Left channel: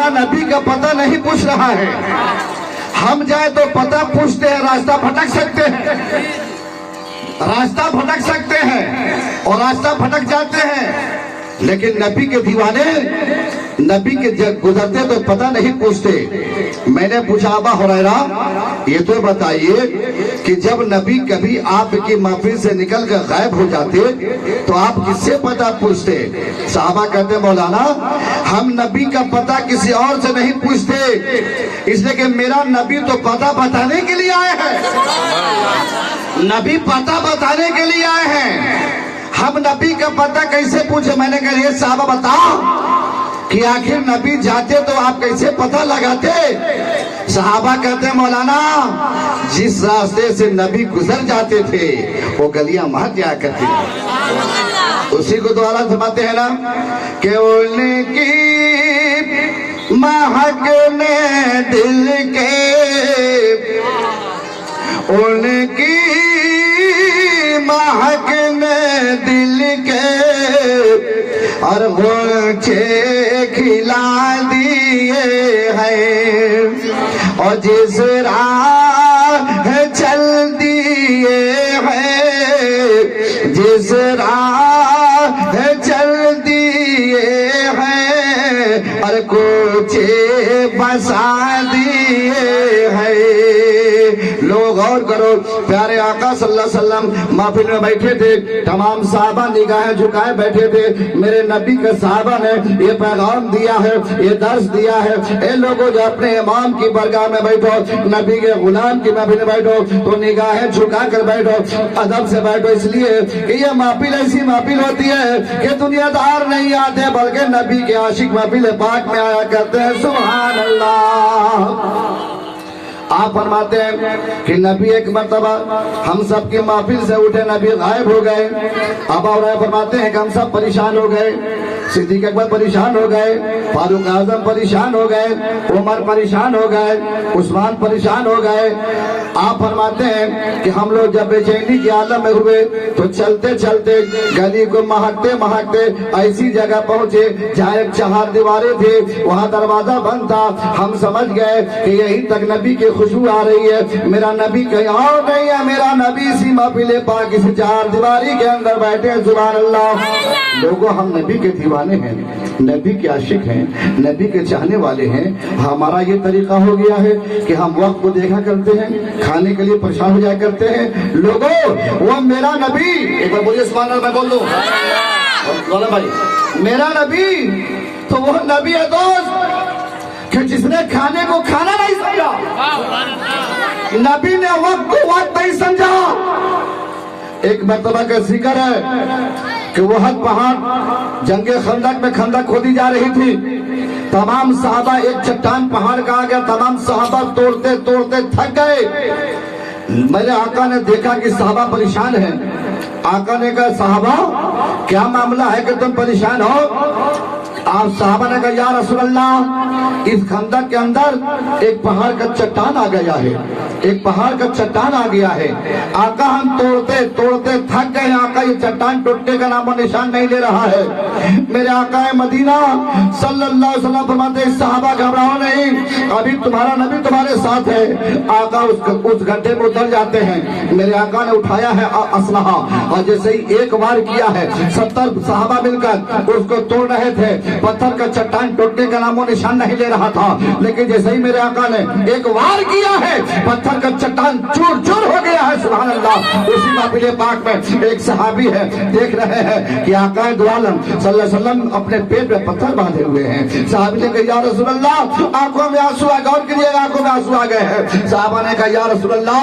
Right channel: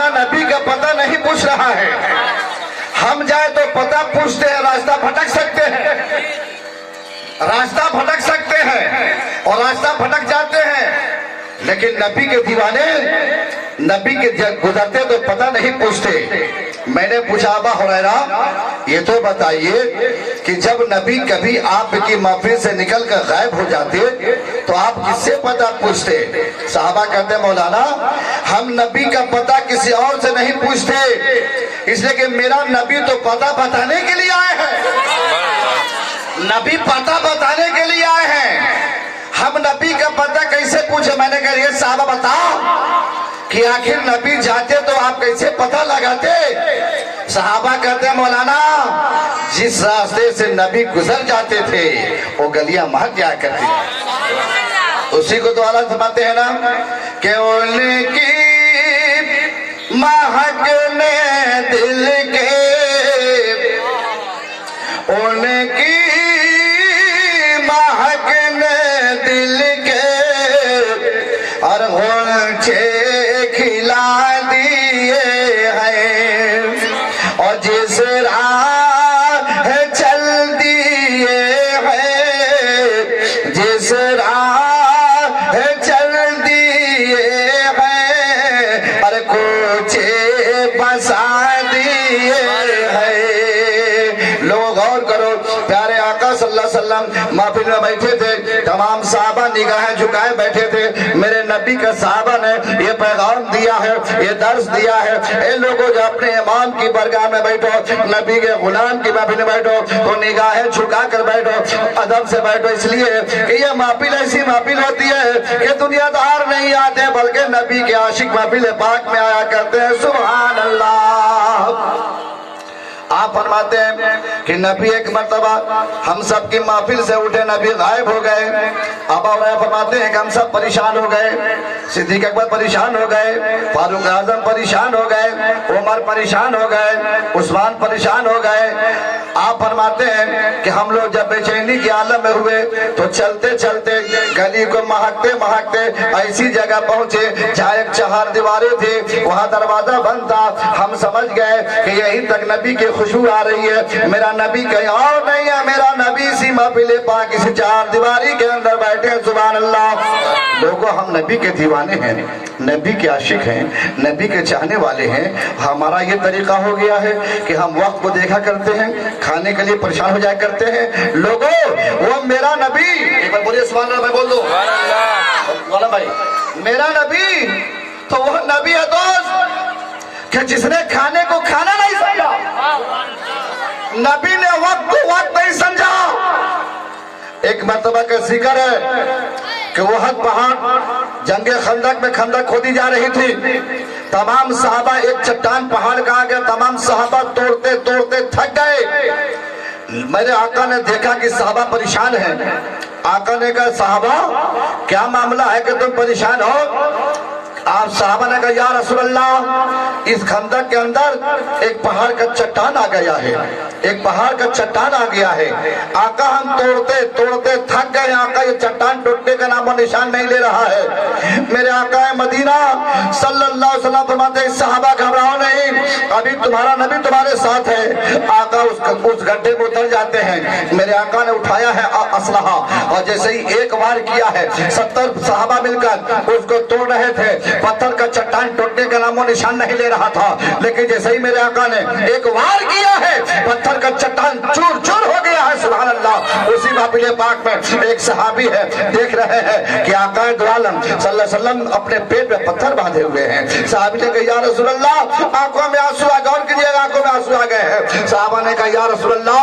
मौलाना नबी का पता नहीं पूछ रहा है। हम जाए तो पता पूछते हैं, रास्ता भटक सकते हैं, रास्ता भटक सकते हैं और रास्ता भटक जाते हैं। लेकिन नबी के दीवाने नबी के गुजरते तो पता नहीं पूछते। मैंने पूछा अबा हुरैरा ये तो बताइए कि जब नबी कभी आपकी महफिल से निकल कर गायब हो जाते तो आप किससे पता पूछते? साहबा कहते मौलाना हम नबी का पता किसी और से नहीं पूछते, इसलिए कि मेरा नबी तो पता बताने के लिए आए हैं, नबी पता बताने के लिए आए हैं। हम नबी का पता कैसे पूछे? मैंने कहा ये साहबा बताओ कि आखिर नबी जाते तो आप कैसे पता लगाते? सहाबा कहते मौलाना जिस रास्ते से नबी गुजर जाते थे वो गलियां महक जाया करती थी। उसी को तो आला फरमाते हैं ना कि उनकी महकने दिल के, उनकी महकने दिल के और गुलछे खिला दिए हैं और जिस राह चल दिए हैं, जिस राह चल दिए हैं और कोचे बसा दिए हैं। लोग और करो, प्यारे आका सल्लल्लाहु अलैहि वसल्लम महफिल में बैठे थे, तमाम साहबा निगाहें झुकाए बैठे थे। मेरे नबी के साहबा ने ये पैगाम दिया है, ये दर्स दिया है, इन लोगों जो अपने इमाम की बरगाह में बैठो, नबी के गुलाम की महफिल में बैठो तो निगाहें झुका कर बैठो, अदब से बैठो, इसलिए कि ये महफिल ऐसी महफिल होती है कि दुनियादार नहीं आते बल्कि नबी के आशिक महफिल पाक में आया करते हैं। सुभान अल्लाह। आप फरमाते हैं कि नबी एक मर्तबा हम सब की महफिल से उठे, नबी गायब हो गए। अब और फरमाते हैं कि हम सब परेशान हो गए, सिद्दीक अकबर परेशान हो गए, फारूक आजम परेशान हो गए, उमर परेशान हो गए, उस्मान परेशान हो गए। आप फरमाते हैं कि हम लोग जब बेचैनी के आलम में हुए तो चलते चलते गली को महकते महकते ऐसी जगह पहुंचे जहाँ एक चार दीवारें थी, वहाँ दरवाजा बंद था। हम समझ गए कि यहीं तक नबी की खुशबू आ रही है, मेरा नबी कहीं और नहीं है, मेरा नबी इसी महफिल पाक इस चार दीवारी के अंदर बैठे हैं। सुभान अल्लाह। लोगों हम नबी के दीवाने हैं, नबी के आशिक हैं, नबी के चाहने वाले हैं। हमारा ये तरीका हो गया है कि हम वक्त को देखा करते हैं, खाने के लिए परेशान हो जाया करते हैं। लोगों वो मेरा नबी, एक बार बोलिए सुभान अल्लाह, मैं बोल दूं भाई, मेरा नबी तो वो नबी है दोस्त कि जिसने खाने को खाना नहीं समझा, नबी ने वक्त को वक्त नहीं समझा। एक मर्तबा का जिक्र है कि वो हद पहाड़ जंगे खंदक में खंदक खोदी जा रही थी, तमाम सहाबा एक चट्टान पहाड़ का आ गया, तमाम सहाबा तोड़ते तोड़ते थक गए। मेरे आका ने देखा कि सहाबा परेशान है। आका ने कहा साहबा क्या मामला है कि तुम परेशान हो? आप साहबा ने कहा या रसूल अल्लाह इस खंदक के अंदर एक पहाड़ का चट्टान आ गया है, एक पहाड़ का चट्टान आ गया है। आका हम तोड़ते तोड़ते थक गए, आका ये चट्टान टूटने का नामो निशान नहीं ले रहा है। मेरे आका मदीना सल्लल्लाहु अलैहि वसल्लम फरमाते हैं सहाबा घबराओ नहीं, अभी तुम्हारा नबी तुम्हारे साथ है। आका उस घंटे में उतर जाते हैं। मेरे आका ने उठाया है असलहा और जैसे ही एक बार किया है 70 सहाबा मिलकर उसको तोड़ रहे थे। पत्थर का चट्टान टूटने का नामो निशान नहीं ले रहा था, लेकिन जैसे ही मेरे आका ने एक वार किया है पत्थर का चट्टान चूर चूर हो गया है। सुभान अल्लाह। उसी महफिल पाक में एक सहाबी है, देख रहे हैं कि आका दो आलम सल्लल्लाहु अलैहि वसल्लम अपने पेट में पत्थर बांधे हुए हैं। सहाबी ने कहा या रसूल अल्लाह आंखों में आंसू आ गए, और कीजिएगा आंखों में आंसू आ गए हैं। सहाबा ने कहा या रसूल अल्लाह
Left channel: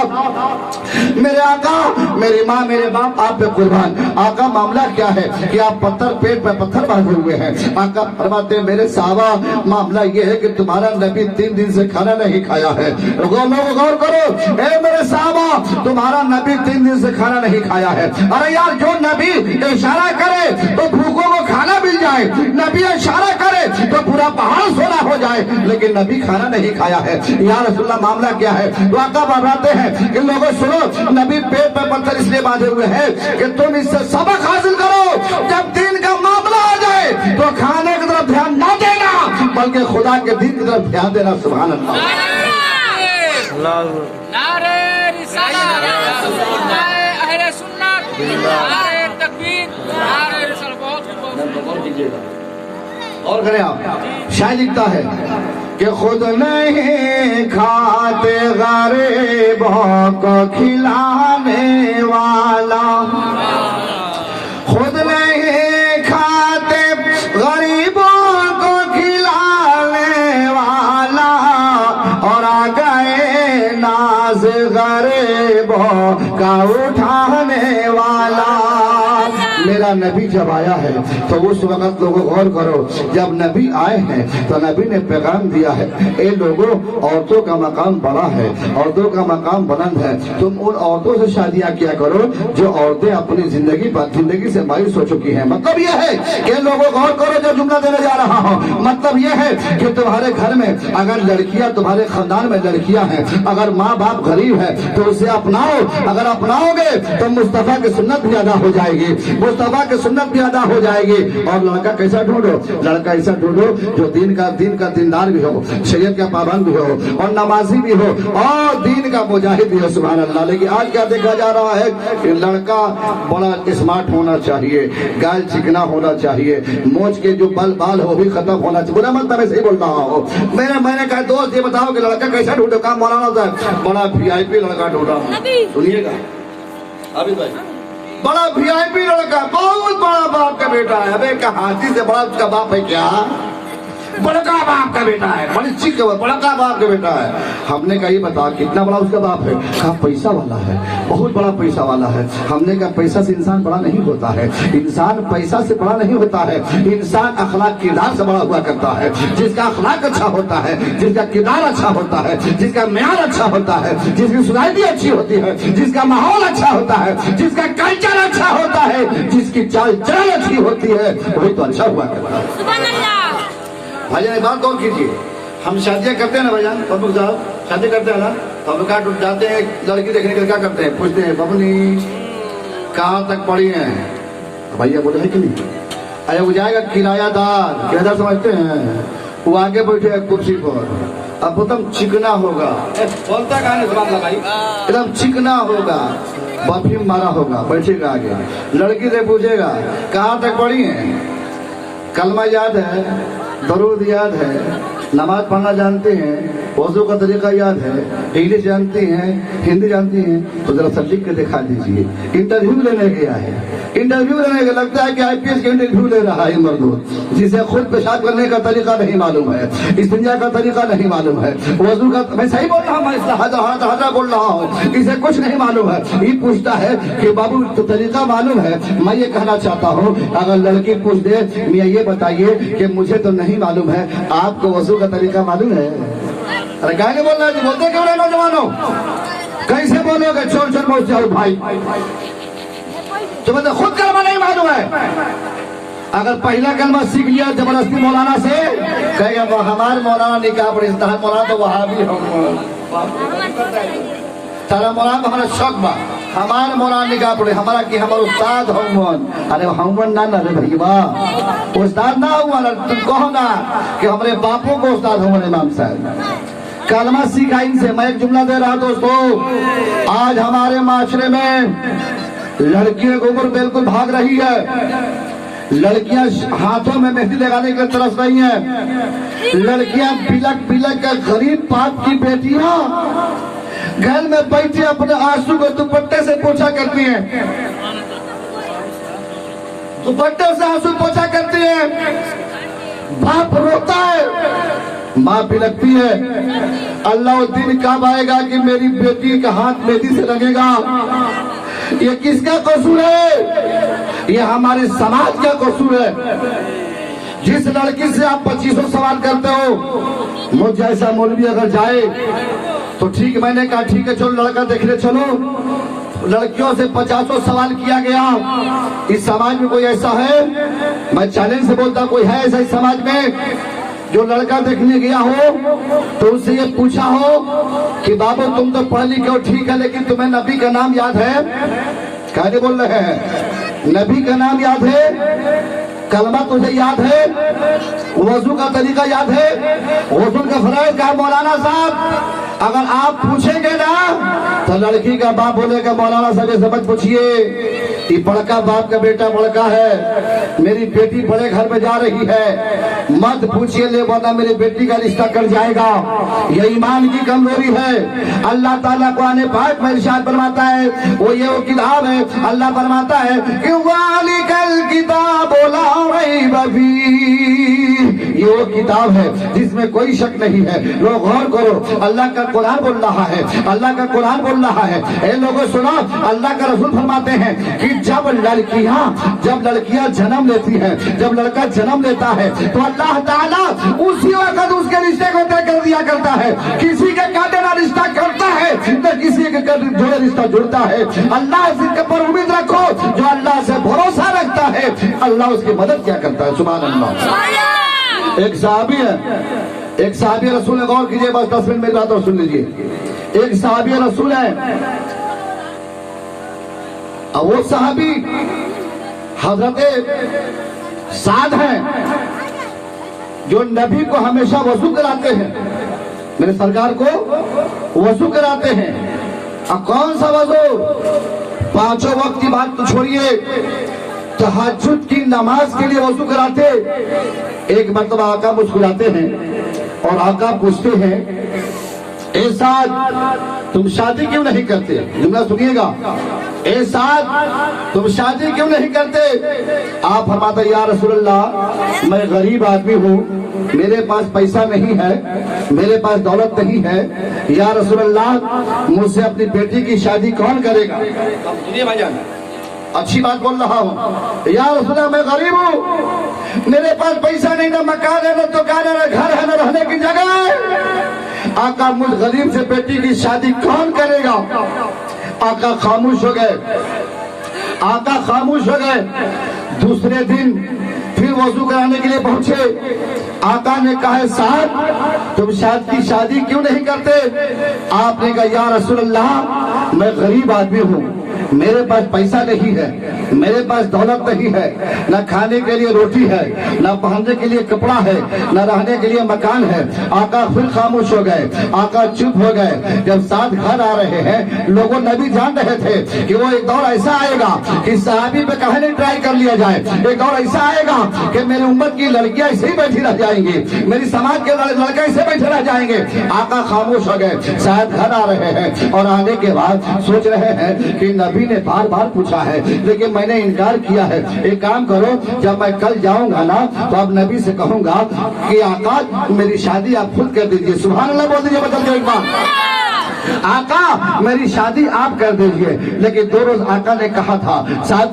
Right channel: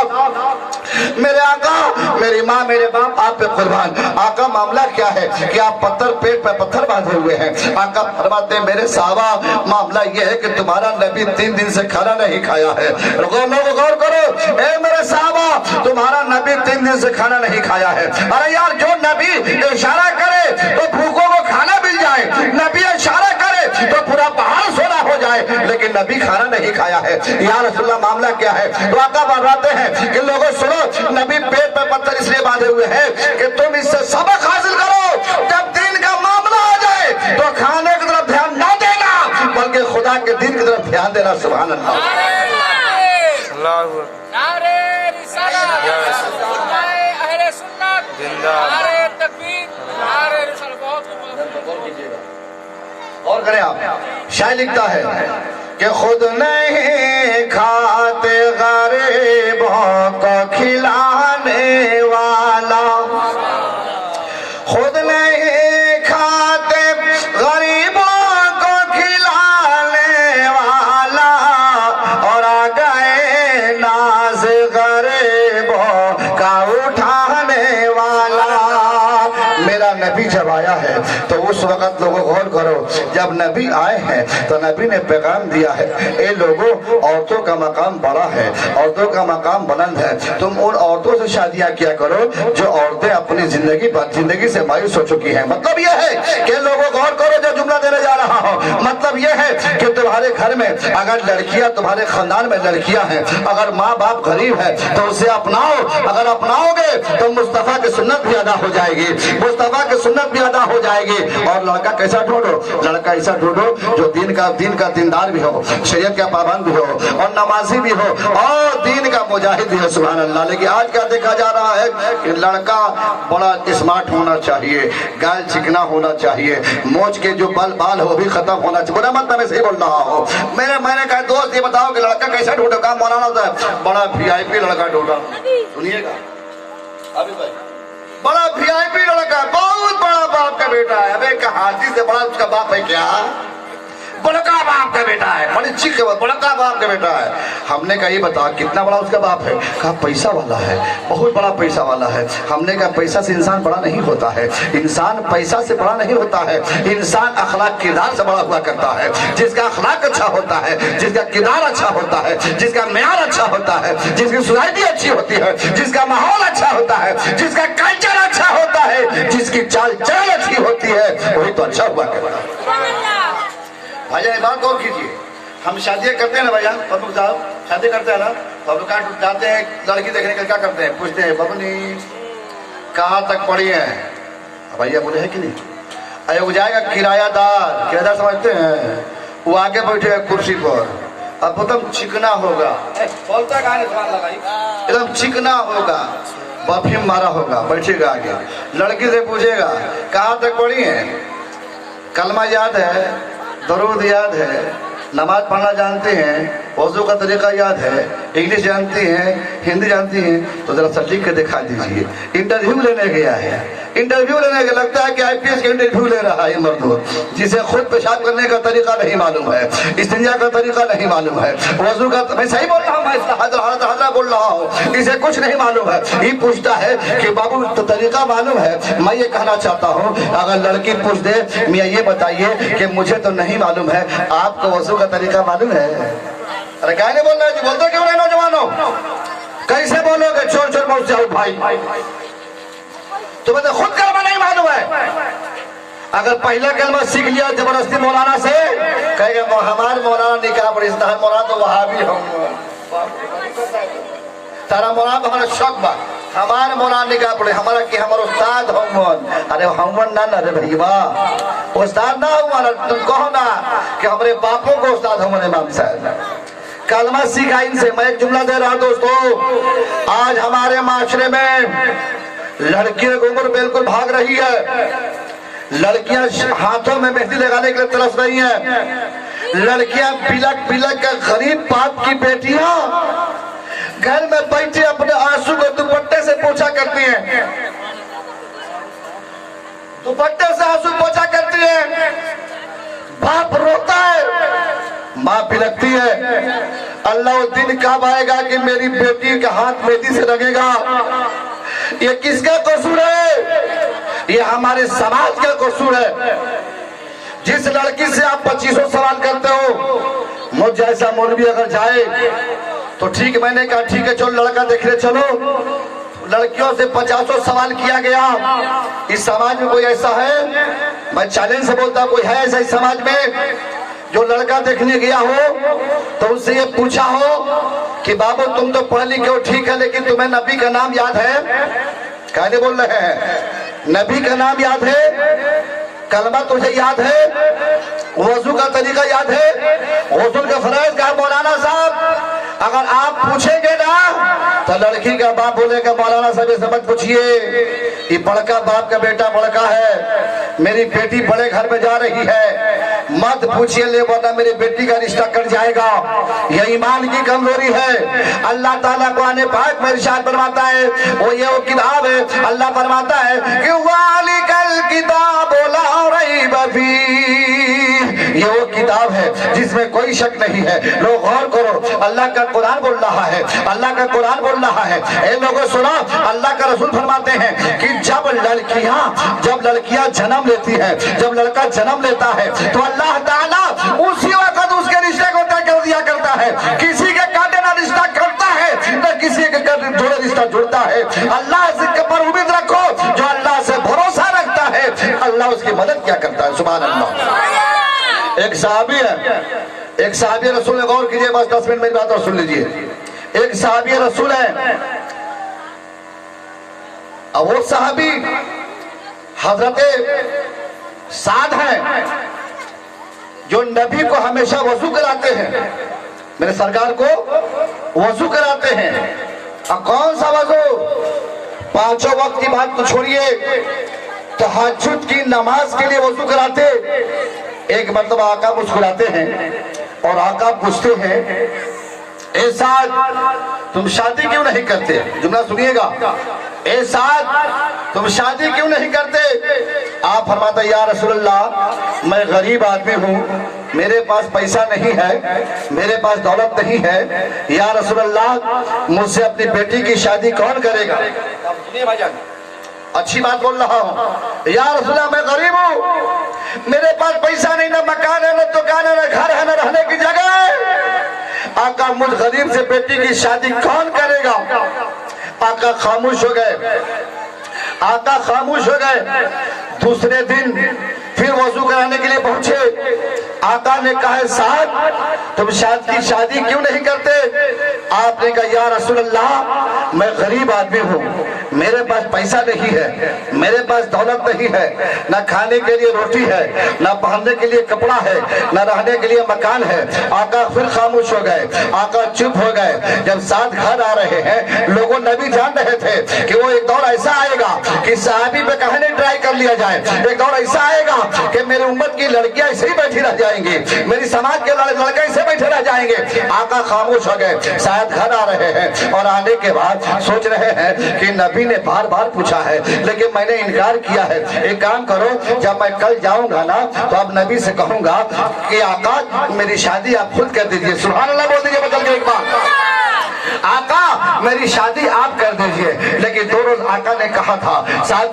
मेरे आका मेरी माँ मेरे बाप आप पे कुर्बान, आका मामला क्या है कि आप पत्थर पेट पे पत्थर बांधे हुए हैं। आका फरमाते हैं मेरे साहबा मामला ये है कि तुम्हारा नबी 3 दिन से खाना नहीं खाया है। गौर करो ए मेरे साहबा तुम्हारा नबी 3 दिन से खाना नहीं खाया है। अरे यार जो नबी इशारा करे तो भूखों को खाना मिल जाए, नबी इशारा करे तो पूरा पहाड़ सोना हो जाए, लेकिन नबी खाना नहीं खाया है। या रसूलल्लाह मामला क्या है? तो आका फरमाते हैं कि लोगों सुनो, नबी पेट पे पत्थर इसलिए बांधे हुए हैं कि तुम इससे सबक हासिल करो, जब दिन का मामला आ जाए तो खाने की तरफ ध्यान ना देना, बल्कि खुदा के दिन की तरफ ध्यान देना। सुभान अल्लाह। नारे रिसालत, नारे अहले सुन्नत, नारे तकबीर, नारे रिसालत। और करें आप। शायर लिखता है कि खुद नहीं खाते गरीबों को खिलाने वाला, खुद नहीं खाते गरीबों को खिलाने वाला, और आ गए नाज गरीबों का उठाने वाला। मेरा नबी जब आया है तो उस वक्त लोगों गौर करो, जब नबी आए हैं तो नबी ने पैगाम दिया है, ए लोगों औरतों का मकाम बड़ा है, औरतों का मकाम बुलंद है, तुम उन औरतों से शादियां किया करो जो औरतें अपनी जिंदगी से मायूस हो चुकी हैं। मतलब यह है कि लोगों गौर करो, जो जुमला देने जा रहा हूं, मतलब यह है कि तुम्हारे घर में अगर लड़कियां, तुम्हारे खानदान में लड़कियां हैं, अगर माँ बाप गरीब है तो उसे अपनाओ। अगर अपनाओगे तो मुस्तफा की सुन्नत भी अदा हो जाएगी, मुस्तफा की सुन्नत भी अदा हो जाएगी। और लड़का कैसा ढूंढो? लड़का ऐसा ढूंढो जो दिन का दीनदार भी हो, शरीयत का पाबंद भी हो, और नमाजी भी हो, और दीन का मुजाहिद भी हो। सुभान अल्लाह। लेकिन आज क्या देखा जा रहा है कि लड़का बड़ा स्मार्ट होना चाहिए, गाल चिकना होना चाहिए, मोच के जो बाल हो भी खत्म होना चाहिए। बुरा मतलब मैं सही बोल रहा हूँ। मैंने कहा दोस्त ये बताओ कि लड़का कैसा ढूंढो? काम मौलाना साहब बड़ा VIP लड़का ढूंढा। सुनिएगा अभी भाई, बड़ा VIP लड़का, बहुत बड़ा बाप का बेटा है। अबे हाथी से बड़ा उसका बाप है क्या? बड़का बाप का बेटा है, बड़ी चीख, बड़का बाप का बेटा है। हमने कहा ये बता कितना बड़ा उसका बाप है? कहा पैसा वाला है, बहुत बड़ा पैसा वाला है। हमने कहा पैसा से इंसान बड़ा नहीं होता है, इंसान पैसा से बड़ा नहीं होता है, इंसान अखलाक किरदार से बड़ा हुआ करता है। जिसका अखलाक अच्छा होता है, जिसका किरदार अच्छा होता है, जिसका म्यार अच्छा होता है, जिसकी सोसाइटी अच्छी होती है, जिसका माहौल अच्छा होता है, जिसका कल्चर अच्छा होता है, जिसकी चाल चलन अच्छी होती है, वही तो अच्छा हुआ करता है। भाईजान एक बात और कीजिए, हम शादियां करते हैं ना भाईजान, बबू साहब शादी करते हैं ना, हम लोग जाते हैं लड़की देखने के लिए, क्या करते हैं? पूछते हैं बबनी कहाँ तक पढ़ी है? भैया बोले है कि नहीं? अरे वो जाएगा किरायादार समझते हैं, वो आगे बैठे कुर्सी पर, अब एकदम चिकना होगा, बोलता कहाँ है लगाई, एकदम चिकना होगा, बाफिम मारा होगा, बैठेगा आगे, लड़की से पूछेगा कहाँ तक पढ़ी है? कलमा याद है, दरूद याद है, नमाज पढ़ना जानते हैं, वज़ू का तरीका याद है, इंग्लिश जानती हैं, हिंदी जानती हैं, तो जरा सब लिख के दिखा दीजिए। इंटरव्यू लेने गया है, इंटरव्यू लेने का लगता है कि IPS का इंटरव्यू ले रहा है मर्द, जिसे खुद पेशाब करने का तरीका नहीं मालूम है, इस्तिंजा का तरीका नहीं मालूम है, वज़ू का, मैं सही बोल रहा हूँ, मैं हाथ बोल रहा हूँ, इसे कुछ नहीं मालूम है। ये पूछता है कि बाबू तो तरीका मालूम है? मैं ये कहना चाहता हूँ, अगर लड़की पूछ दे मियाँ ये बताइए कि मुझे तो नहीं मालूम है, आपको वज़ू का तरीका मालूम है? अरे क्या नहीं बोल रहा है? बोलते क्यों नहीं नौजवानों? कैसे बोलोगे? चोर चोर मत जाओ भाई, तुम्हें तो खुद कलमा नहीं मालूम है। अगर पहला कलमा सीख लिया जबरदस्ती मौलाना से, कहेंगे हमारे मौलाना निकाह पर इस्तेहार, मौलाना तो वहां भी हो, तारा मौलाना तो हमारा शौक बा, हमारे मौलाना निकाह पड़े, हमारा कि हमारा उस्ताद हो। अरे हम ना रे भैया, उस्ताद ना हुआ, तुम कहो ना कि हमारे बापों को उस्ताद हमारे इमाम साहब कलमा सीखा इनसे। मैं एक जुमला दे रहा दोस्तों, आज हमारे माशरे में लड़कियों की उम्र बिल्कुल भाग रही है, लड़कियां हाथों में मेहंदी लगाने के लिए तरस रही हैं, लड़कियां बिलक बिलक कर गरीब बाप की बेटियां घर में बैठे अपने आंसू को दुपट्टे से पोछा करती हैं, दुपट्टे से आंसू पोछा करती है। बाप रोता है, माँ बिलकती है, अल्लाह दिन कब आएगा कि मेरी बेटी का हाथ मेहंदी से लगेगा? ये किसका कसूर है? ये हमारे समाज का कसूर है। जिस लड़की से आप 2500 सवाल करते हो, मुझ जैसा मौलवी अगर जाए तो ठीक, मैंने कहा ठीक है चलो लड़का देखने चलो, लड़कियों से 50 सवाल किया गया। इस समाज में कोई ऐसा है? मैं चैलेंज से बोलता, कोई है ऐसा इस समाज में जो लड़का देखने गया हो तो उससे ये पूछा हो कि बाबू तुम तो पढ़ लिखे हो ठीक है, लेकिन तुम्हें नबी का नाम याद है? कहने बोल रहे हैं नबी का नाम याद है, कलमा तुझे याद है? वजू का तरीका याद है? वजू का फरज का मौलाना साहब अगर आप पूछेंगे ना तो लड़की का बाप बोलेगा मौलाना साहब ये सबक पूछिए, ये बड़का बाप का बेटा बड़का है, मेरी बेटी बड़े घर में जा रही है, मत पूछिए ले वरना मेरी बेटी का रिश्ता कट जाएगा। ये ईमान की कमजोरी है। अल्लाह ताला कुरान पाक में इरशाद फरमाता है, वो किताब है, अल्लाह फरमाता है कि वालिकल किताब ला रैब फीह, ये वो किताब है जिसमें कोई शक नहीं है। लोग गौर करो, अल्लाह का कुरान बोल रहा है, अल्लाह का कुरान बोल रहा है। ए लोगों सुनो, अल्लाह का रसूल फरमाते हैं कि जब लड़कियां जन्म लेती है, जब लड़का जन्म लेता है तो अल्लाह ताला उसी वक्त उसके रिश्ते को तय कर दिया करता है। किसी के कांटे ना रिश्ता करता है तो किसी के जोड़े रिश्ता जुड़ता है। अल्लाह से पर उम्मीद रखो, जो अल्लाह से भरोसा रखता है अल्लाह उसकी मदद क्या करता है। सुभान अल्लाह। एक साहबी रसूल ने, गौर कीजिए, बस 10 मिनट मेरी बात और सुन लीजिए। एक साहबी रसूल है, वो साहबी हजरत साद हैं जो नबी को हमेशा वजू कराते हैं, मेरे सरकार को वजू कराते हैं। अब कौन सा वजू? 5 वक्त की बात तो छोड़िए, तहज्जुद की नमाज के लिए वजू कराते। एक मर्तबा आका मुस्कुराते हैं और आका पूछते हैं, ए साद तुम शादी क्यों नहीं करते? जुमला सुनिएगा, ए साद तुम शादी क्यों नहीं करते? आप फरमाता, या रसूल अल्लाह मैं गरीब आदमी हूँ, मेरे पास पैसा नहीं है, मेरे पास दौलत नहीं है, या रसूल अल्लाह मुझसे अपनी बेटी की शादी कौन करेगा? अच्छी बात बोल रहा हूँ। या रसूल अल्लाह मैं गरीब हूँ, मेरे पास पैसा नहीं, ना मकान है, ना दुकान है, ना घर है, ना रहने की जगह है। आका मुझ गरीब से बेटी की शादी कौन करेगा? आका खामोश हो गए, आका खामोश हो गए। दूसरे दिन फिर वजू कराने के लिए पहुंचे। आका ने कहा, साहब तुम शादी क्यों नहीं करते? आपने कहा, या रसूल अल्लाह मैं गरीब आदमी हूँ, मेरे पास पैसा नहीं है, मेरे पास दौलत नहीं है, ना खाने के लिए रोटी है, ना पहनने के लिए कपड़ा है, ना रहने के लिए मकान है। आका फिर खामोश हो गए, आका चुप हो गए। जब साथ घर आ रहे हैं, लोगों नबी जान रहे थे कि वो एक दौर ऐसा आएगा कि सहाबी पे कहानी ट्राई कर लिया जाए, एक दौर ऐसा आएगा कि मेरी उम्मत की लड़कियां ऐसे ही बैठी रह जाएंगी, मेरी समाज के लड़के ऐसे बैठे रह जाएंगे। आका खामोश हो गए, शायद घर आ रहे हैं और आने के बाद सोच रहे हैं कि नबी ने बार बार पूछा है लेकिन मैंने इनकार किया है। एक काम करो, जब मैं कल जाऊंगा ना तो अब नबी से कहूंगा कि आका मेरी शादी आप खुद कर दीजिए। सुभान अल्लाह बोल दीजिए बदल के एक बार, आका मेरी शादी आप कर दीजिए। लेकिन 2 रोज आका ने कहा था,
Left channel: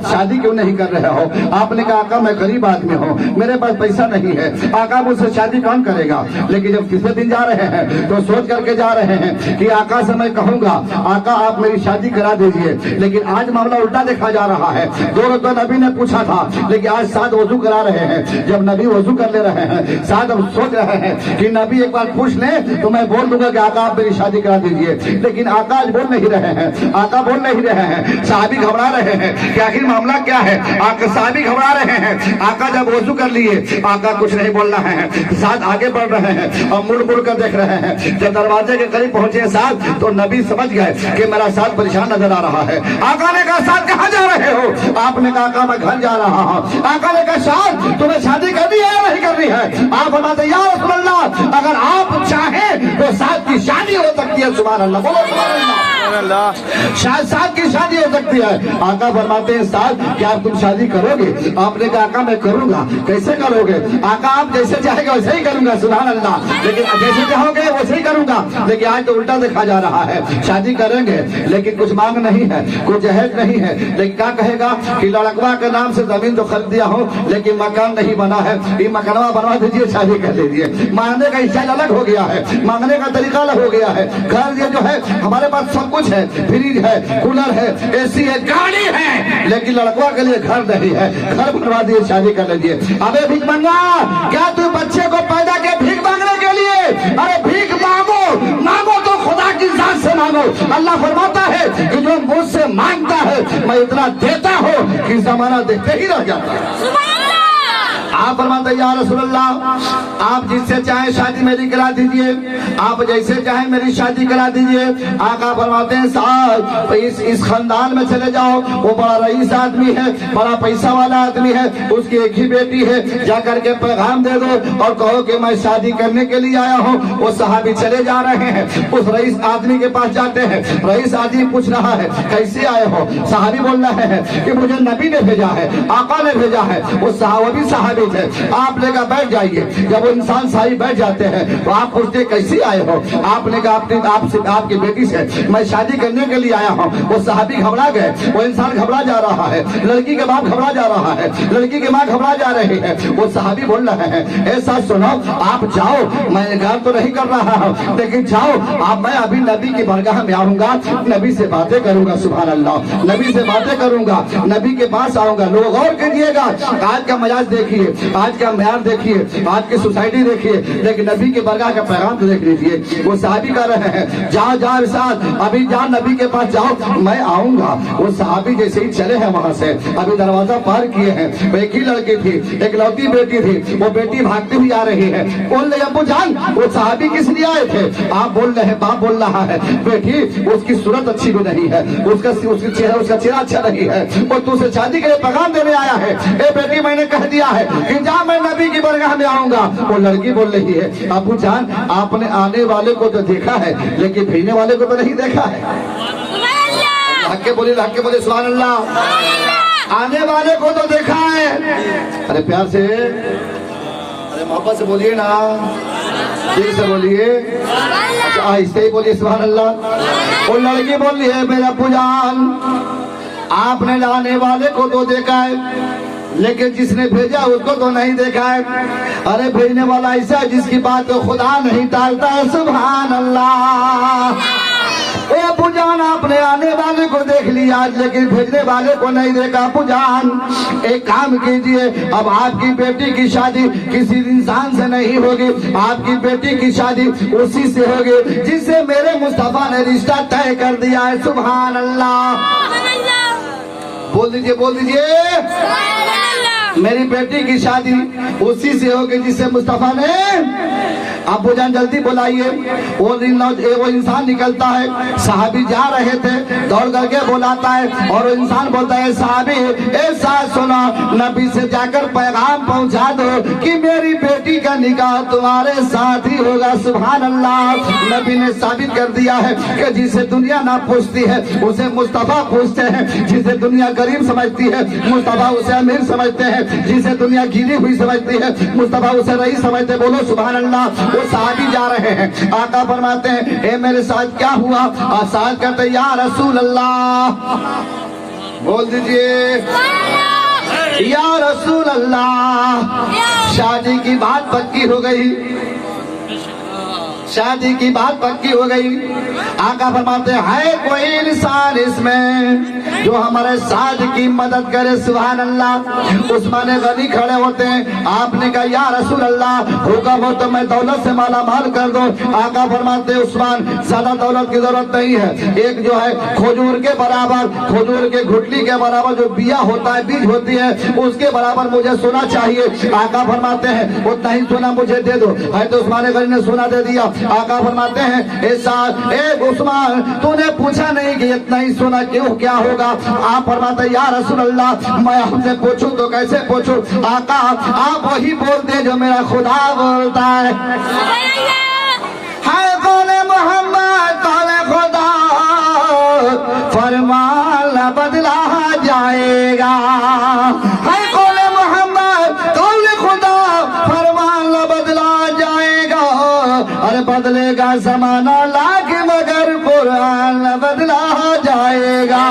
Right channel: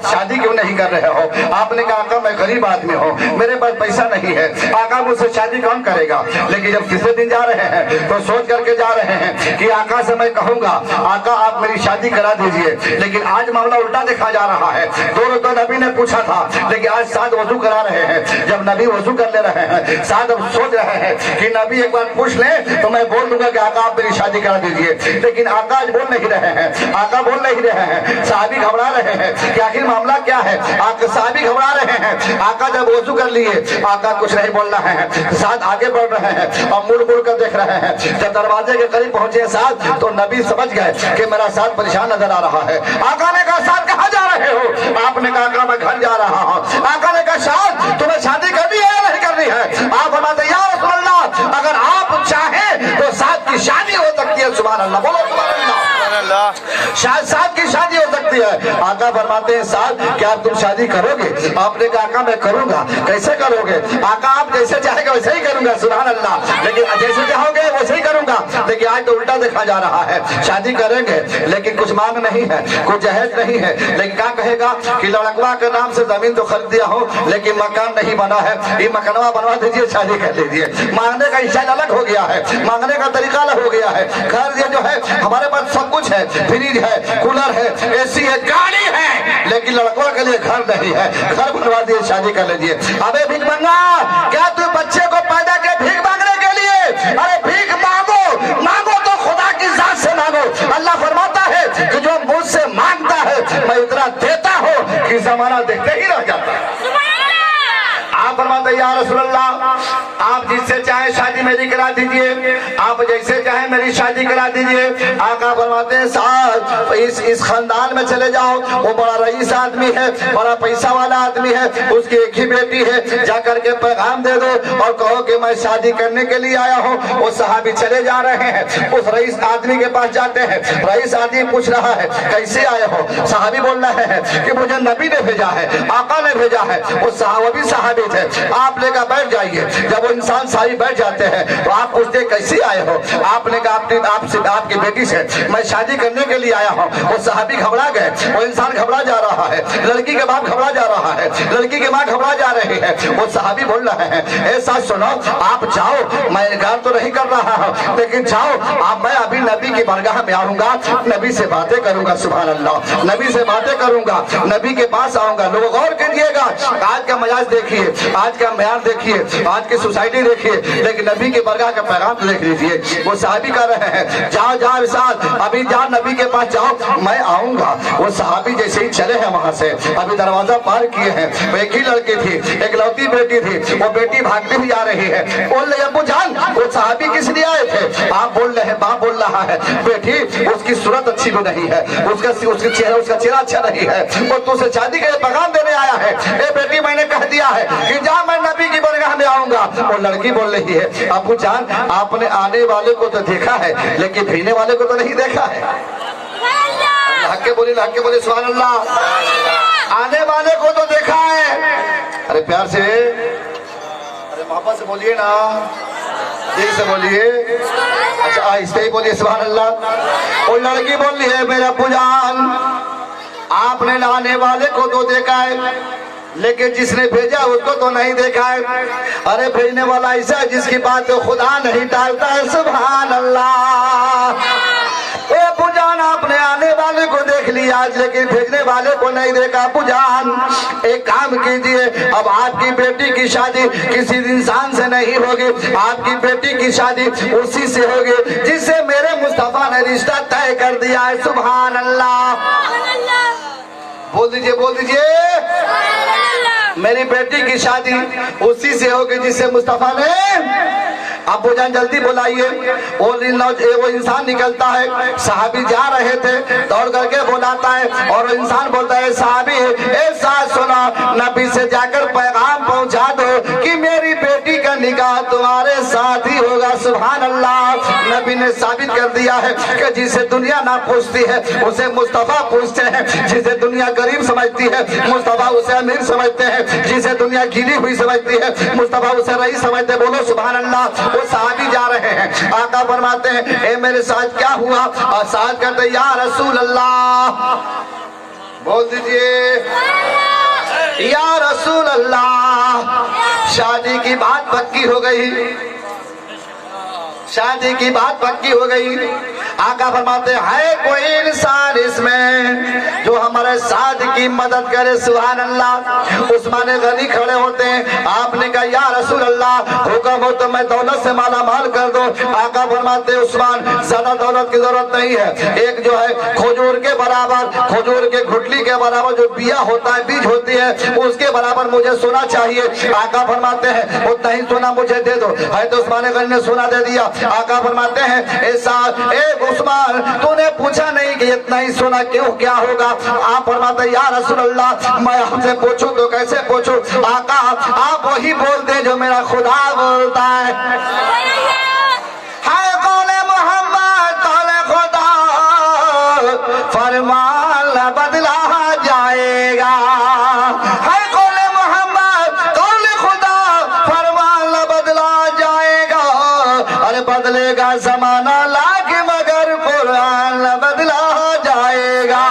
शादी क्यों नहीं कर रहे हो? आपने कहा, आका मैं गरीब आदमी हूँ, मेरे पास पैसा नहीं है, आका मुझसे शादी कौन करेगा? लेकिन जब तीसरे दिन जा रहे हैं तो सोच करके जा रहे हैं कि आका से मैं कहूंगा, आका आप मेरी शादी करा दीजिए। लेकिन आज मामला उल्टा देखा जा रहा है। 2 रोज तो नबी ने पूछा था, लेकिन आज साद वजू करा रहे हैं। जब नबी वजू कर ले रहे हैं, साद अब सोच रहे हैं कि नबी एक बार पूछ ले तो मैं बोल दूंगा कि आका आप मेरी शादी करा दीजिए। लेकिन आका आज बोल नहीं रहे हैं, आका बोल नहीं रहे हैं। साहबी घबरा रहे हैं कि आखिर मामला क्या है। आका साहबी घबरा रहे हैं। आका जब वजू कर लिए, आका कुछ नहीं बोल रहे हैं, साथ आगे बढ़ रहे हैं और मुड़ कर देख रहे हैं। जब दरवाजे के करीब पहुंचे साथ, तो नबी समझ गए कि मेरा साथ परेशान नजर आ रहा है। आका ने कहा, साथ कहाँ जा रहे हो? आपने कहा, आका मैं घर जा रहा हूँ। आका ने कहा, साथ तुम्हें शादी करनी है या नहीं करनी है? आप बताते, या रसूल अल्लाह अगर आप चाहें तो साथ की शादी हो सकती है। सुभान अल्लाह, साथ की शादी हो सकती है। आका फरमाते हैं, साथ क्या तुम शादी करोगे? आपने कहा, आका मैं करूंगा। कैसे करोगे? आका आप जैसे चाहेंगे वैसे ही करूंगा। सुभान अल्लाह, लेकिन जैसे चाहोगे वैसे ही करूंगा। लेकिन आज तो उल्टा देखा जा रहा है, शादी करेंगे लेकिन कुछ मांग नहीं है, कुछ जहेज नहीं है। लेकिन क्या कहेगा कि लड़कवा के नाम से जमीन तो खरीद दिया हो लेकिन मकान नहीं बना है, ये मकानवा बनवा दीजिए, शादी कर लीजिए। मांगने का स्टाइल अलग हो गया है, मांगने का तरीका अलग हो गया है। घर ये जो है हमारे पास सब कुछ है, फ्रिज है, कूलर है, एसी है, गाड़ी है, लेकिन लड़कों के लिए घर नहीं है। घर बनवा दिए, शादी कर लीजिए। अबे भीख मांगा, क्या तू बच्चे को पैदा के भीख मांगने के लिए? अरे भीख मांगो, मांगो तो खुदा की जात से मांगो। अल्लाह फरमाता है कि जो मुझसे मांगता है मैं इतना देता हूँ कि जमाना देखते ही रह जाता है। आप फरमाते, या रसूल अल्लाह آپ جس سے چاہیں شادی میری کرا دیجئے، آپ جیسے چاہیں میری شادی کرا دیجئے۔ آقا فرماتے ہیں صاحب اس خاندان میں چلے جاؤ، وہ بڑا رئیس آدمی ہے، بڑا پیسہ والا آدمی ہے، اس کی ایک ہی بیٹی ہے، جا کر کے پیغام دے دو اور کہو کہ میں شادی کرنے کے لیے آیا ہوں۔ وہ صحابی چلے جا رہے ہیں، اس رئیس آدمی کے پاس جاتے ہیں۔ رئیس آدمی پوچھ رہا ہے کیسے آئے ہو؟ صحابی بول رہے ہیں کہ مجھے نبی نے بھیجا ہے، آقا نے بھیجا ہے۔ وہ بھی صحابی تھے۔ آپ نے کہا بیٹھ جائیے۔ جب وہ انسان ساری بیٹھ جاتے ہیں تو آپ پوچھتے کیسے آئے ہو؟ آپ نے کہا آپ کی بیٹی سے میں شادی کرنے کے لیے آیا ہوں۔ وہ صحابی گھبرا گئے، وہ انسان گھبرا جا رہا ہے، لڑکی کے باپ گھبرا جا رہا ہے، لڑکی کی ماں گھبرا جا رہی ہے۔ وہ صحابی بول رہے ہیں ایسا سنو، آپ جاؤ، میں انکار تو نہیں کر رہا ہوں، لیکن جاؤ آپ، میں ابھی نبی کی بارگاہ میں آؤں گا، نبی سے باتیں کروں گا، سبحان اللہ، نبی سے باتیں کروں گا، نبی کے پاس آؤں گا۔ لوگ غور کیجئے گا، آج کا مزاج دیکھیے، آج کا معیار دیکھیے، آج کی سوسائٹی دیکھیے، لیکن نبی کی بارگاہ کا پیغام تو دیکھ لیجئے۔ وہ صحابی کہہ رہے ہیں جاؤ جاؤ ارشاد، ابھی جاؤ نبی کے پاس جاؤ، میں آؤں گا۔ وہ صحابی جیسے ہی چلے ہیں وہاں سے، ابھی دروازہ پار کیے ہیں، ایک ہی لڑکی تھی، ایک لوتی بیٹی تھی، وہ بیٹی بھاگتی ہوئی آ رہی ہے۔ بول رہے ابو جان وہ صحابی کس لیے آئے تھے؟ آپ بول رہے ہیں، باپ بول رہا ہے بیٹی اس کی صورت اچھی بھی نہیں ہے، اس کا چہرہ اچھا نہیں ہے، اور تو سے شادی کے لیے پیغام دینے آیا ہے۔ اے بیٹی میں نے کہہ دیا ہے کہ جا میں نبی کی بارگاہ میں آؤں گا۔ وہ لڑکی بول رہی ہے ابو جان آپ نے آنے والے کو تو دیکھا ہے لیکن بھیجنے والے کو تو نہیں دیکھا ہے۔ حق کے بولے سبحان اللہ۔ آنے والے کو تو دیکھا ہے، ارے پیار سے، ارے محبت سے بولیے نا، دل سے بولیے، اچھا آہستہ ہی بولیے سبحان اللہ۔ وہ لڑکی بول رہی ہے میرا ابو جان آپ نے لانے والے کو تو دیکھا ہے لیکن جس نے بھیجا اس کو تو نہیں دیکھا ہے۔ ارے بھیجنے والا ایسا ہے جس کی بات خدا نہیں ٹالتا ہے، سبحان اللہ۔ اے ابو جان آپ نے آنے والے کو دیکھ لیا لیکن بھیجنے والے کو نہیں دیکھا۔ ابو جان ایک کام کیجئے، اب آپ کی بیٹی کی شادی کسی انسان سے نہیں ہوگی، آپ کی بیٹی کی شادی اسی سے ہوگی جس سے میرے مصطفیٰ نے رشتہ طے کر دیا ہے، سبحان اللہ۔ بول دیجئے میری بیٹی کی شادی اسی سے ہوگی جس سے مصطفیٰ نے۔ ابو جان جلدی بلائیے۔ وہ انسان نکلتا ہے، صحابی جا رہے تھے، دوڑ کر کے بلاتا ہے اور انسان بولتا ہے صحابی ایسا سنا، نبی سے جا کر پیغام پہنچا دو کہ میری بیٹی کا نکاح تمہارے ساتھ ہی ہوگا، سبحان اللہ۔ نبی نے ثابت کر دیا ہے کہ جسے دنیا نہ پوچھتی ہے اسے مصطفیٰ پوچھتے ہیں، جسے دنیا غریب سمجھتی ہے مصطفیٰ اسے امیر سمجھتے ہیں، جسے دنیا گری ہوئی سمجھتی ہے مصطفیٰ اسے رئیس سمجھتے ہیں۔ بولو سبحان اللہ۔ وہ صحابی جا رہے ہیں، آقا فرماتے ہیں اے میرے ساتھ کیا ہوا؟ ساتھ کہتے یا رسول اللہ، بول دیجئے یا رسول اللہ، شادی کی بات پکی ہو گئی، شادی کی بات پکی ہو گئی۔ آقا فرماتے ہیں کوئی انسان اس میں جو ہمارے ساتھ کی مدد کرے، سبحان اللہ۔ عثمان غنی کھڑے ہوتے ہیں، آپ نے کہا یا رسول اللہ حکم ہو تو میں دولت سے مالا مال کر دو۔ آقا فرماتے ہیں عثمان زیادہ دولت کی ضرورت نہیں ہے، ایک جو ہے کھجور کے برابر، کھجور کے گھٹلی کے برابر جو بیا ہوتا ہے، بیج ہوتی ہے، اس کے برابر مجھے سونا چاہیے۔ آقا فرماتے ہیں اتنا ہی سونا مجھے دے دو۔ حضرت عثمان غنی نے سونا دے دیا۔ آقا فرماتے ہیں اے عثمان تو نے پوچھا نہیں کہ اتنا ہی سونا کیوں، کیا ہوگا؟ آپ فرماتے ہیں یا رسول اللہ میں آپ سے پوچھوں تو کیسے پوچھوں؟ آقا آپ وہی بول دیں جو میرا خدا بولتا ہے۔ قول محمد قول خدا فرمان بدلا جائے گا، قول محمد قول خدا فرمان بدلا جائے گا، ارے بدلے گا زمانہ لاکھ مگر قرآن بدلا جائے گا۔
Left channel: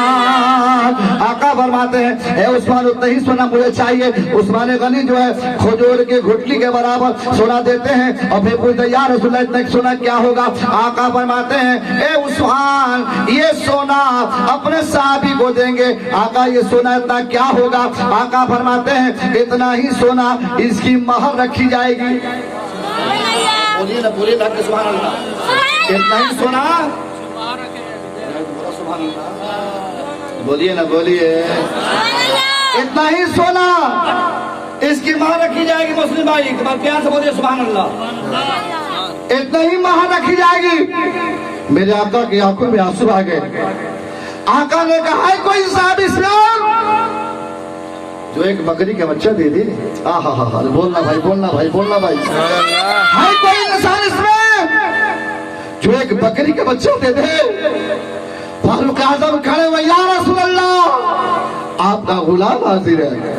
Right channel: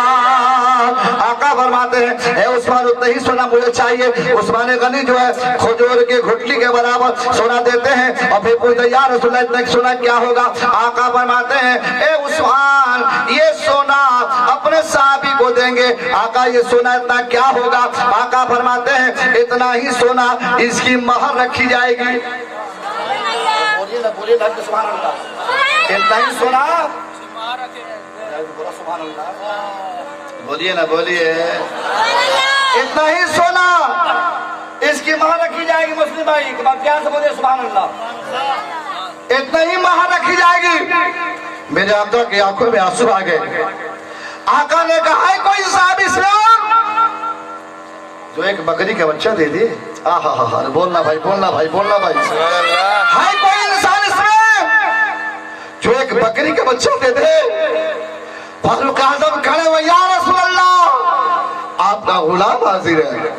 آقا فرماتے ہیں اے عثمان اتنا ہی سونا مجھے چاہیے۔ عثمان غنی جو ہے کھجور کی گھٹلی کے برابر سونا دیتے ہیں اور پھر پوچھتے یا رسول اللہ اتنا سونا کیا ہوگا؟ آقا فرماتے ہیں اے عثمان یہ سونا اپنے صحابی کو دیں گے۔ آقا یہ سونا اتنا کیا ہوگا؟ آقا فرماتے ہیں اتنا ہی سونا اس کی مہر رکھی جائے گی۔ بولیے نا بولیے نا سبحان اللہ۔ اتنا ہی سونا، سبحان اللہ، بولیے نا بولیے، اتنا ہی سونا اس کی ماں رکھی جائے گی مسلم بھائی، پیار سے بولے سبحان اللہ، اتنا ہی ماں رکھی جائے گی۔ میرے آقا کی آنکھوں میں آنسو آ گئے۔ آقا نے کہا ہے کوئی صاحب اسلام جو ایک بکری کا بچہ دے دے، بولنا بھائی، بولنا بھائی، بولنا بھائی، ہے کوئی انسان اس میں جو ایک بکری کا بچہ دے دے؟ فاروق اعظم کھڑے ہوئے، یا رسول اللہ آپ کا غلام حاضر ہے،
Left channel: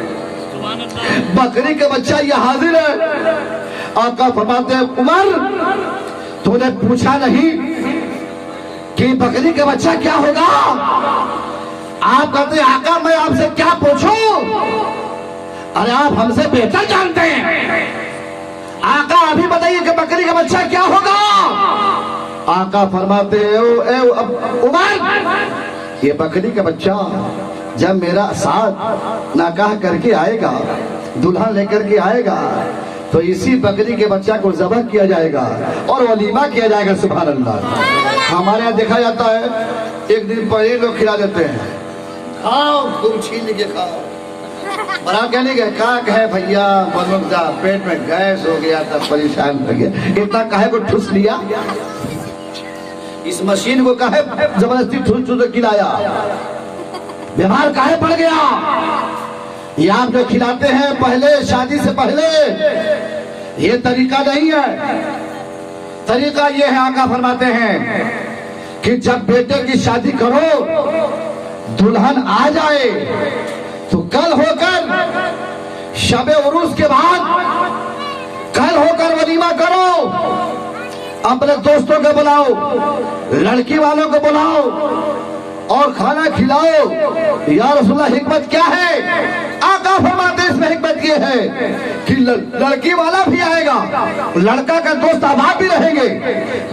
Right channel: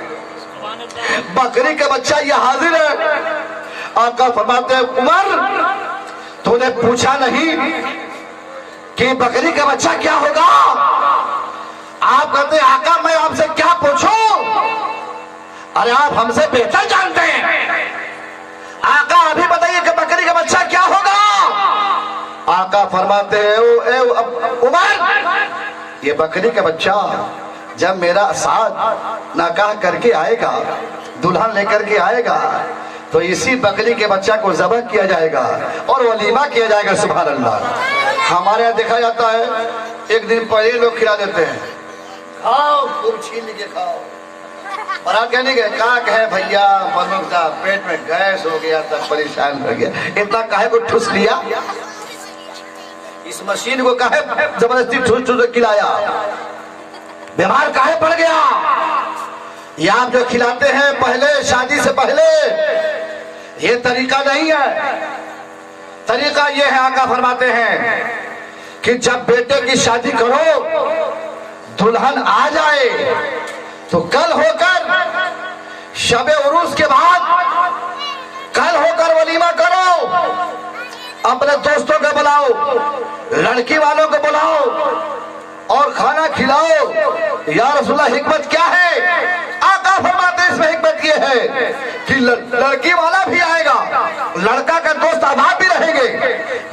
بکری کا بچہ یہ حاضر ہے۔ آقا فرماتے ہیں عمر تو نے پوچھا نہیں کہ بکری کا بچہ کیا ہوگا؟ آپ کہتے ہیں آقا میں آپ سے کیا پوچھوں؟ ارے آپ ہم سے بہتر جانتے ہیں، آقا ابھی بتائیے کہ بکری کا بچہ کیا ہوگا؟ آقا فرماتے ہیں عمر یہ بکری کا بچہ جب میرا ساتھ نکاح کر کے آئے گا، دلہن لے کر کے آئے گا، تو اسی بکری کے بچہ کو ذبح کیا جائے گا اور ولیمہ کیا جائے گا۔ سبحان اللہ۔ ہمارے یہاں دیکھا جاتا ہے ایک دن پہلے لوگ کھلا دیتے ہیں، کھاؤ خوب چھین کے کھاؤ، اور آپ کہنے گے کاک ہے بھیا پرمکھ صاحب پیٹ میں گیس ہو گیا تھا، پریشان ہو گیا، اتنا کہے کو ٹھوس لیا، اس مشین کو کہے زبردستی ٹھوس ٹھوس کھلایا، بیمار کہے پڑ گیا۔ یہ آپ جو کھلاتے ہیں پہلے شادی سے پہلے، یہ طریقہ نہیں ہے۔ طریقہ یہ ہے، آقا فرماتے ہیں کہ جب بیٹے کی شادی کرو، دلہن آ جائے تو کل ہو کر شب عروس کے بعد کل ہو کر ولیمہ کرو، اپنے دوستوں کو بلاؤ، لڑکی والوں کو بلاؤ اور کھانا کھلاؤ۔ یا رسول اللہ حکمت کیا ہے؟ آقا فرماتے اس میں حکمت یہ ہے کہ لڑکی والا بھی آئے گا، لڑکا کا دوست احباب بھی رہیں گے،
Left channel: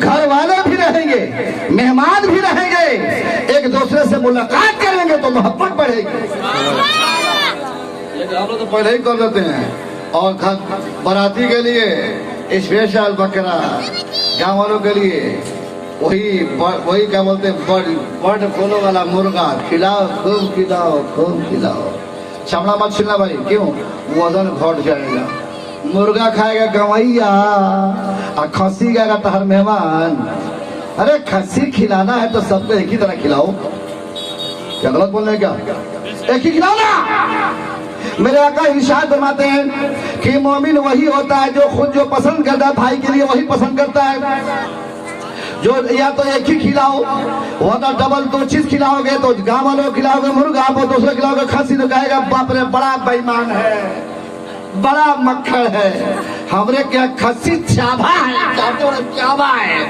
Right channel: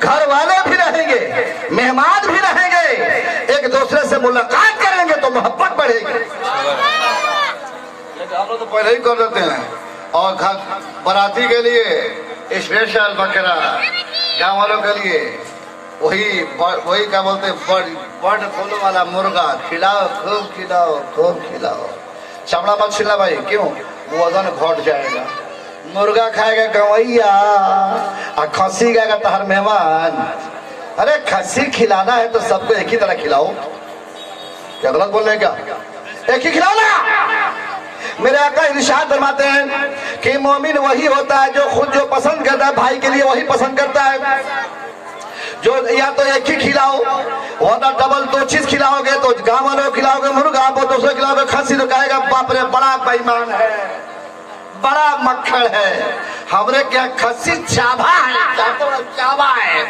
گھر والے بھی رہیں گے، مہمان بھی رہیں گے، ایک دوسرے سے ملاقات کریں گے تو محبت بڑھے گی۔ لیکن ہم لوگ تو پہلے ہی کر دیتے ہیں، اور باراتی کے لیے اسپیشل بکرا، گاؤں والوں کے لیے وہی کیا بولتے ہیں بڑ کھولو والا مرغا، کھلاؤ خوب کھلاؤ خوب کھلاؤ، چمڑا مت چھلنا بھائی، کیوں؟ وزن گھٹ جائے گا۔ مرغا کھائے گا گویا اور کھانسی گائے گا تہر مہمان۔ ارے کھانسی کھلانا ہے تو سب کو ایک ہی طرح کھلاؤ، کیا غلط بول رہے ہیں کیا؟ ایک ہی کھلانا۔ میرے آقا ارشاد فرماتے ہیں کہ مومن وہی ہوتا ہے جو خود جو پسند کرتا ہے بھائی کے لیے وہی پسند کرتا ہے، جو یا تو ایک ہی کھلاؤ ورنہ ڈبل دو چیز کھلاؤ گے تو گاؤں والوں کھلاؤ گے مرغا، آپ دوسرے کھلاؤ گے کھانسی، تو کہے گا باپ رے بڑا بے ایمان ہے، بڑا مکھڑ ہے، ہمارے کیا کھانسی چابا ہے، چابا ہے،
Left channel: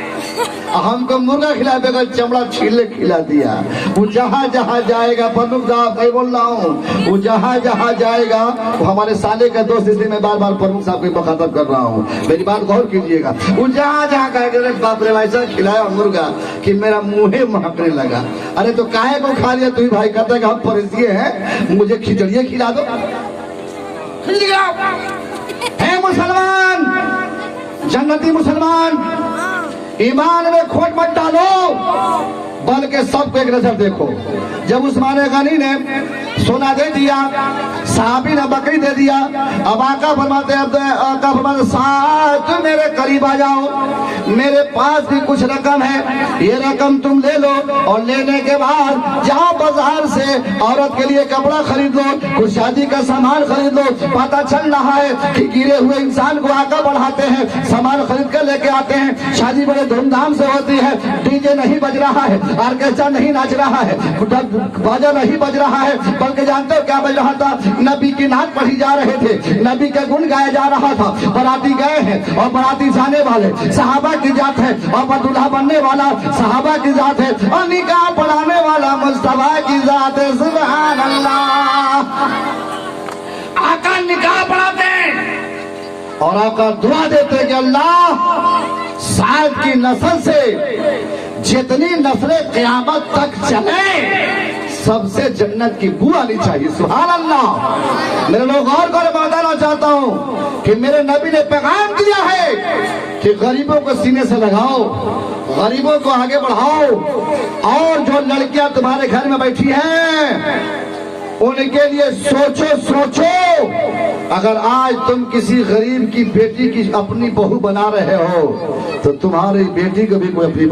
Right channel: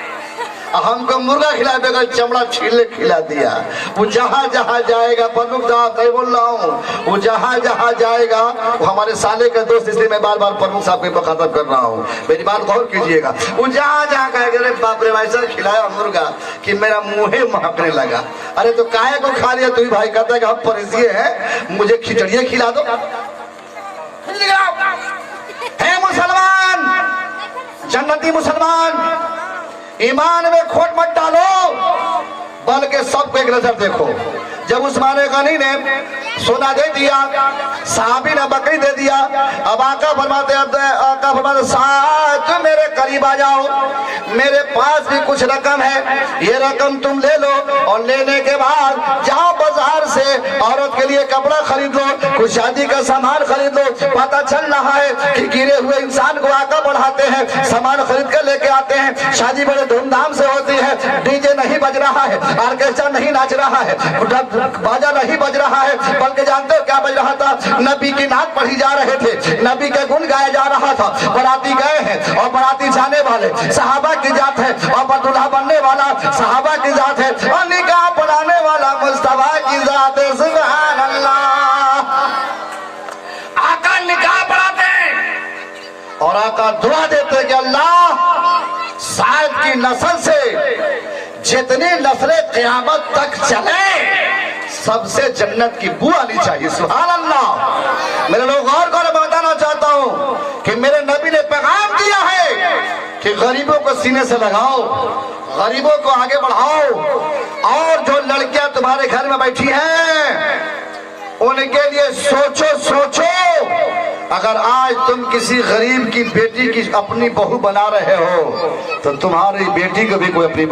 ہم کو مرغا کھلا بغیر چمڑا چھیلے کھلا دیا۔ وہ جہاں جہاں جائے گا، پرمکھ صاحب نہیں بول رہا ہوں، وہ جہاں جہاں جائے گا وہ ہمارے سالے کا دوست، اس لیے میں بار بار پرمکھ صاحب کو مخاطب کر رہا ہوں، میری بات غور کیجئے گا۔ وہ جہاں جہاں کہے گا باپ رے ایسا کھلایا مرغا کہ میرا منہ مہکنے لگا۔ ارے تو کاہے کو کھا لیا؟ تو ہی بھائی کہتا ہے کہ ہم پرہیزگار ہیں، مجھے کھچڑیاں کھلا دو۔ ہے مسلمان، جنتی مسلمان، ایمان میں کھوٹ مت ڈالو، بلکہ سب کو ایک نظر دیکھو۔ جب عثمان غنی نے سونا دے دیا، صحابی نے بکری دے دیا، اب آقا فرماتے ساتھ میرے قریب آ جاؤ، میرے پاس بھی کچھ رقم ہے، یہ رقم تم لے لو، اور لینے کے بعد جاؤ بازار سے عورت کے لیے کپڑا خرید لو، کچھ شادی کا سامان خرید لو۔ پتہ چل رہا ہے کہ گرے ہوئے انسان کو آقا بڑھاتے ہیں، سامان خرید کر لے کے آتے ہیں، شادی بڑے دھوم دھام سے ہوتی ہے، ڈی جے نہیں بج رہا ہے، آرکیسٹرا نہیں ناچ رہا ہے، باجا نہیں بج رہا ہے، بلکہ جانتے ہو کیا بج رہا تھا؟ نبی کی نعت پڑھی جا رہے تھے، نبی کے گن گایا جا رہا تھا۔ باراتی گئے ہیں اور باراتی جانے والے صحابہ کی ذات ہے، اور دلہا بننے والا صحابہ کی ذات ہے، اور نکاح پڑھانے والا مصطفیٰ کی ذات ہے۔ سبحان اللہ۔ آقا نکاح پڑھاتے اور آقا دعا دیتے کہ اللہ سعد کی نسل سے جتنی نسلیں قیامت تک چلے سب سے جنت کی بو آنی چاہیے۔ سبحان اللہ۔ میرے لوگ غور کر بتانا چاہتا ہوں کہ میرے نبی نے پیغام دیا ہے کہ غریبوں کو سینے سے لگاؤ، غریبوں کو آگے بڑھاؤ، اور جو لڑکیاں تمہارے گھر میں بیٹھی ہیں ان کے لیے سوچو اگر آج تم کسی غریب کی بیٹی کی اپنی بہو بنا رہے ہو تو تمہاری بیٹی کو بھی کوئی اپنی